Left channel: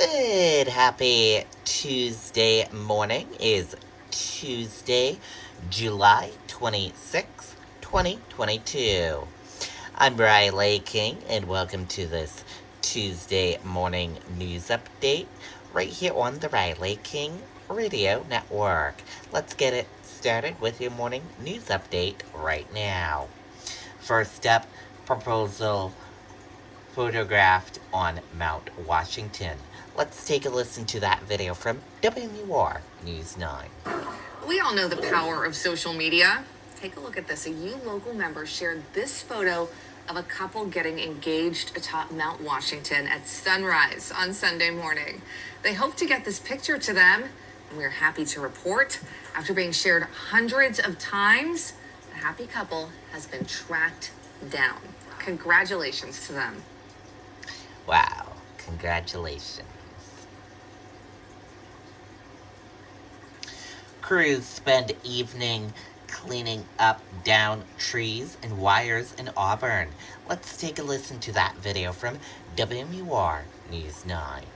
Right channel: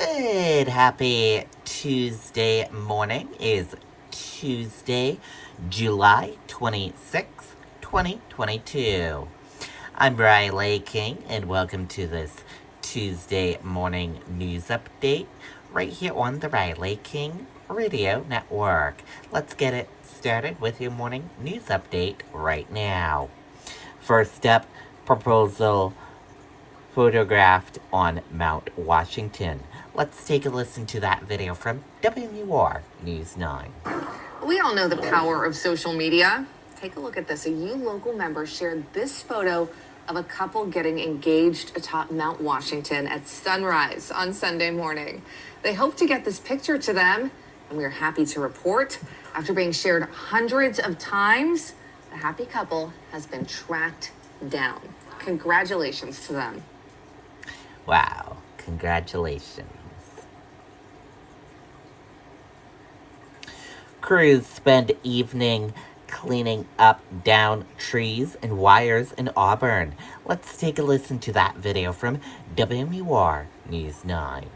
Good, happy Tuesday morning. Is Tuesday, July 26th, 2022. I'm Riley King, and welcome to this Tuesday morning news update right here on the Riley King Radio Network. Let's get it started with your morning news update right now. First up, proposal photographed on Mount Washington. Let's take a listen to that video from WMUR News 9. We all know the power of social media. Take a look at this. A U local member shared this photo of a couple getting engaged atop Mount Washington at sunrise on Sunday morning. They hope to get this picture to them, and we are happy to report, after being shared hundreds of times, the happy couple has been tracked down. Congratulations to them. Wow, congratulations. Crews spend evening cleaning up down trees and wires in Auburn. Let's take a listen to that video from WMUR News 9.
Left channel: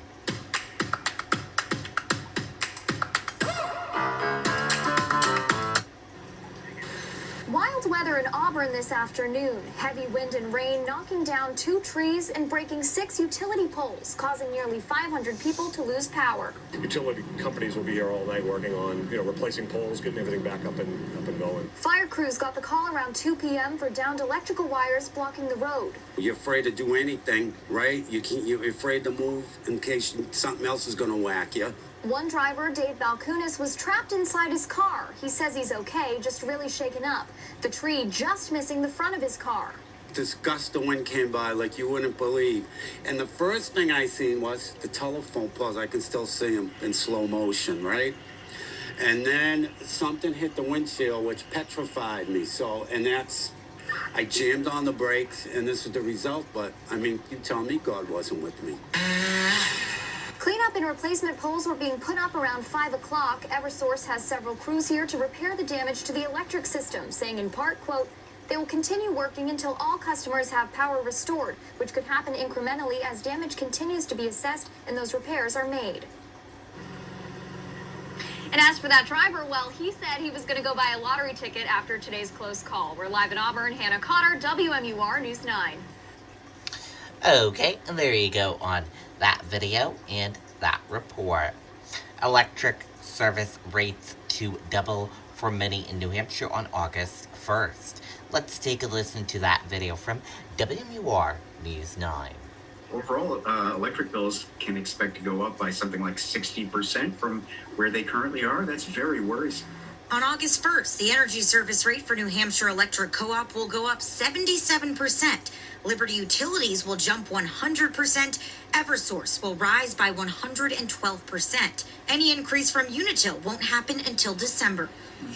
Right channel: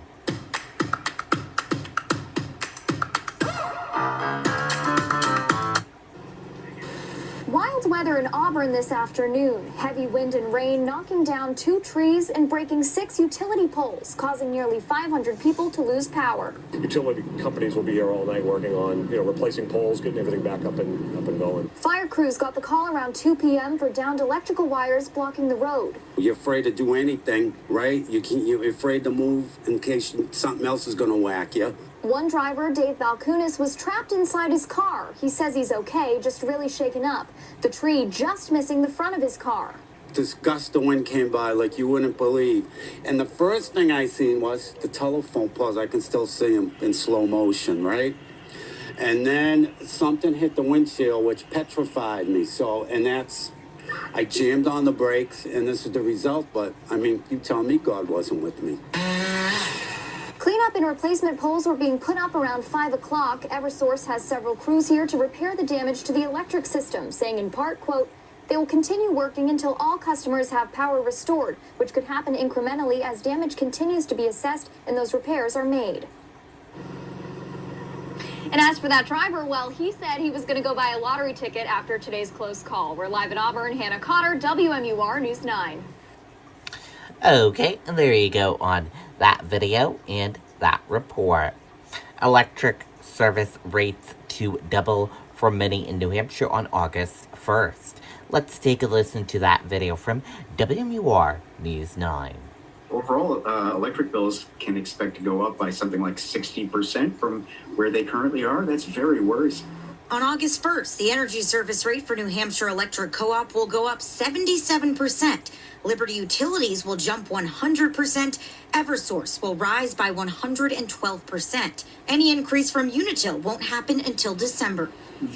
Wild weather in Auburn this afternoon. Heavy wind and rain knocking down 2 trees and breaking 6 utility poles, causing nearly 500 people to lose power. Utility companies will be here all night working on, replacing poles, getting everything back up and going. Fire crews got the call around 2 p.m. for downed electrical wires blocking the road. You're afraid to do anything, right? You're afraid to move in case something else is going to whack you. One driver, Dave Balknap, was trapped inside his car. He says he's okay, just really shaken up. The tree just missing the front of his car. This gust of wind came by like you wouldn't believe. And the first thing I seen was the telephone poles. I can still see them in slow motion, right? And then something hit the windshield, which petrified me. I jammed on the brakes, and this is the result. But, you tell me God wasn't with me. Cleanup and replacement poles were being put up around 5 o'clock. Eversource has several crews here to repair the damage to the electric system, saying in part, quote, they will continue working until all customers have power restored, which could happen incrementally as damage continues to be assessed and those repairs are made. And as for that driver, well, he said he was going to go buy a lottery ticket after today's close call. We're live in Auburn. Hannah Cotter, WMUR News 9. Okay, and there you go on that video and that report. Electric service rates to double for many in New Hampshire on August 1st. Let's take a listen to that video from WMUR News 9. Overall, electric bills can expect to go up by something like 60% from where they currently are. That's very worrisome. On August 1st, the energy service rate for New Hampshire Electric Co-op will go up 77%. Liberty Utilities will jump 100%. Eversource will rise by 112%. Any increase from Unitil won't happen until December.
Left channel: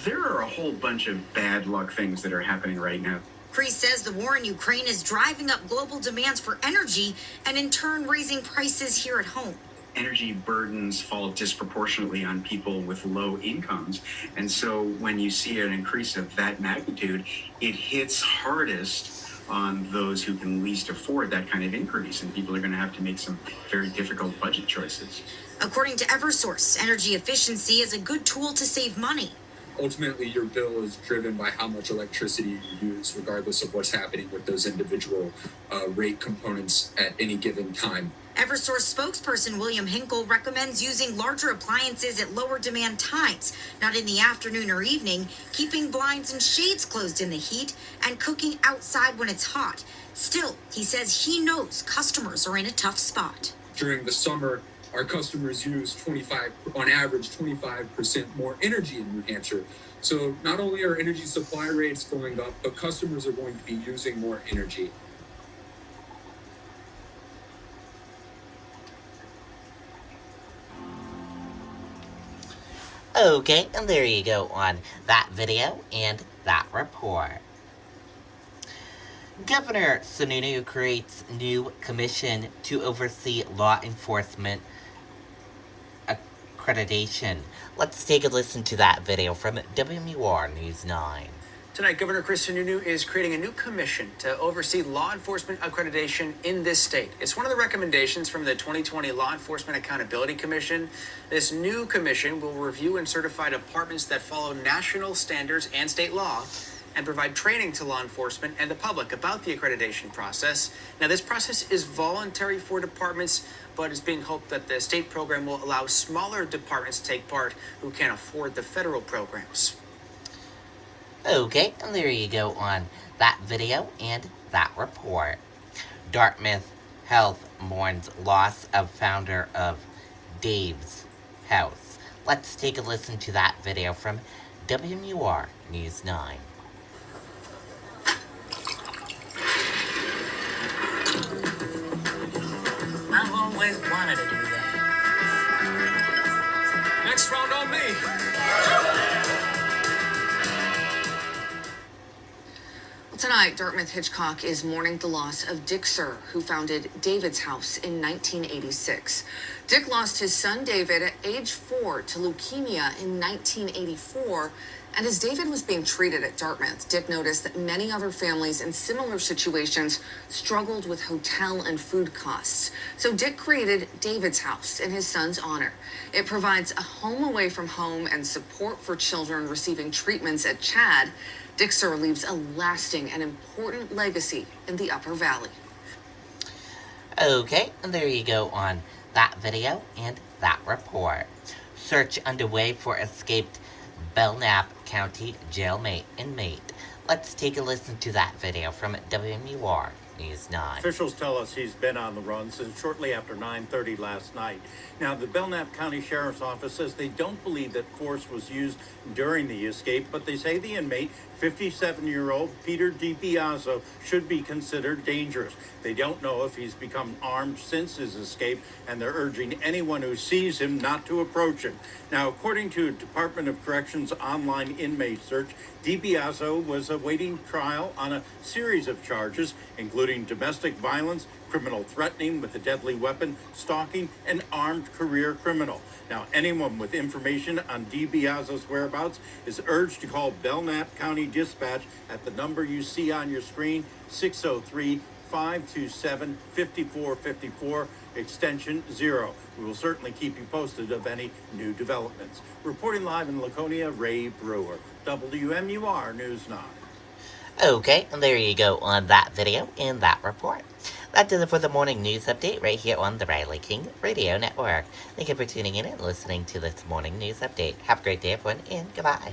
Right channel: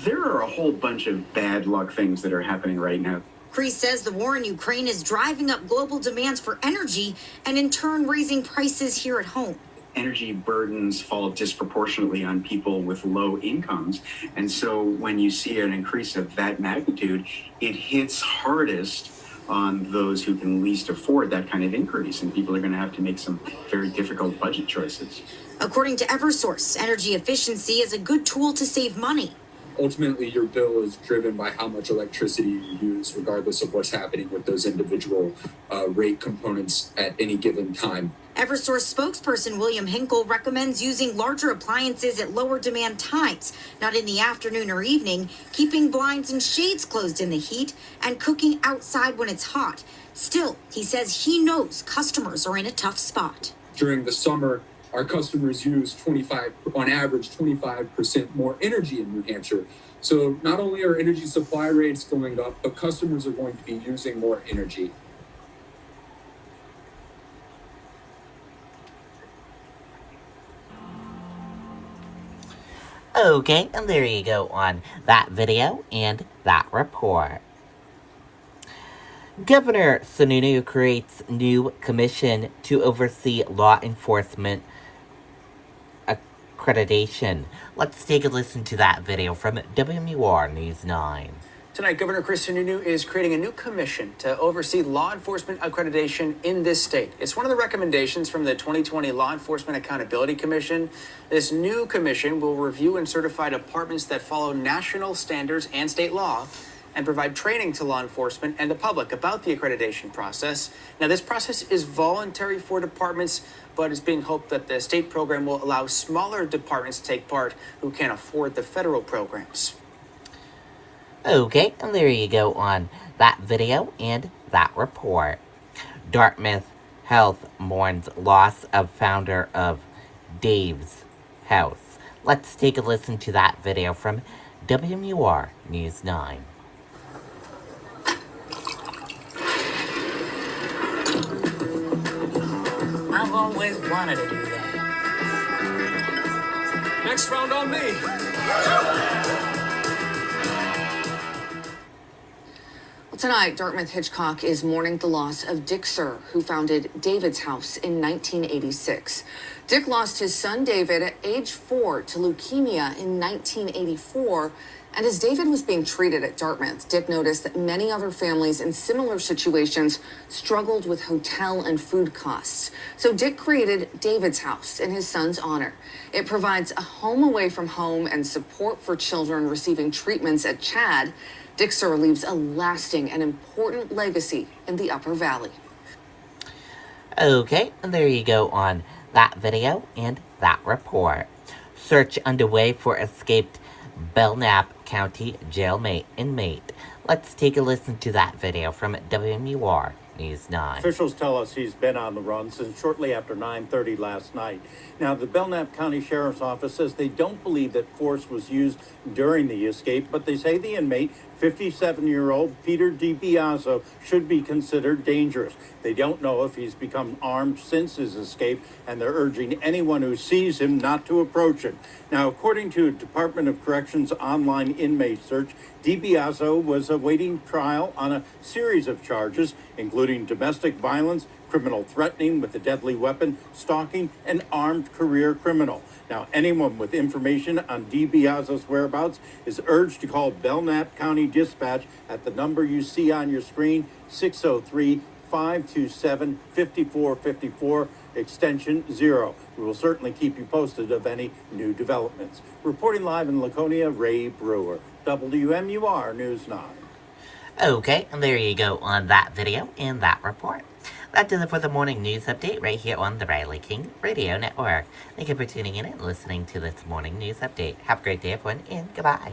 There are a whole bunch of bad luck things that are happening right now. Cree says the war in Ukraine is driving up global demands for energy and in turn raising prices here at home. Energy burdens fall disproportionately on people with low incomes. And so when you see an increase of that magnitude, it hits hardest on those who can least afford that kind of increase. And people are going to have to make some very difficult budget choices. According to Eversource, energy efficiency is a good tool to save money. Ultimately, your bill is driven by how much electricity you use, regardless of what's happening with those individual rate components at any given time. Eversource spokesperson William Hinkle recommends using larger appliances at lower demand times, not in the afternoon or evening, keeping blinds and shades closed in the heat, and cooking outside when it's hot. Still, he says he knows customers are in a tough spot. During the summer, our customers use on average 25% more energy in New Hampshire. So not only are energy supply rates going up, but customers are going to be using more energy. Okay, and there you go on that video and that report. Governor Sununu creates new commission to oversee law enforcement accreditation. Let's take a listen to that video from WMUR News 9. Tonight, Governor Chris Sununu is creating a new commission to oversee law enforcement accreditation in this state. It's one of the recommendations from the 2020 Law Enforcement Accountability Commission. This new commission will review and certify departments that follow national standards and state law and provide training to law enforcement and the public about the accreditation process. Now, this process is voluntary for departments, but it's being hoped that the state program will allow smaller departments to take part who can't afford the federal programs. Okay, and there you go on that video and that report. Dartmouth Health mourns loss of founder of Dave's House. Let's take a listen to that video from WMUR News 9. I've always wanted to do that. Next round on me. Tonight, Dartmouth Hitchcock is mourning the loss of Dick Sir, who founded David's House in 1986. Dick lost his son David at age 4 to leukemia in 1984. And as David was being treated at Dartmouth, Dick noticed that many other families in similar situations struggled with hotel and food costs. So Dick created David's House in his son's honor. It provides a home away from home and support for children receiving treatments at CHAD. Dick Sir leaves a lasting and important legacy in the Upper Valley. Okay, and there you go on that video and that report. Search underway for escaped Belknap County jailmate inmate. Let's take a listen to that video from WMUR News 9. Officials tell us he's been on the run since shortly after 9:30 last night. Now, the Belknap County Sheriff's Office says they don't believe that force was used during the escape, but they say the inmate, 57-year-old Peter DiBiaso, should be considered dangerous. They don't know if he's become armed since his escape, and they're urging anyone who sees him not to approach him. Now, according to Department of Corrections online inmate search, DiBiaso was awaiting trial on a series of charges, including domestic violence, criminal threatening with a deadly weapon, stalking, and armed career criminal. Now, anyone with information on DiBiaso's whereabouts is urged to call Belknap County Dispatch at the number you see on your screen, 603-527-5454, extension 0. We will certainly keep you posted of any new developments. Reporting live in Laconia, Ray Brewer, WMUR News 9. Okay, and there you go on that video and that report. That does it for the morning news update right here on the Riley King Radio Network. Thank you for tuning in and listening to this morning news update. Have a great day, everyone, and goodbye.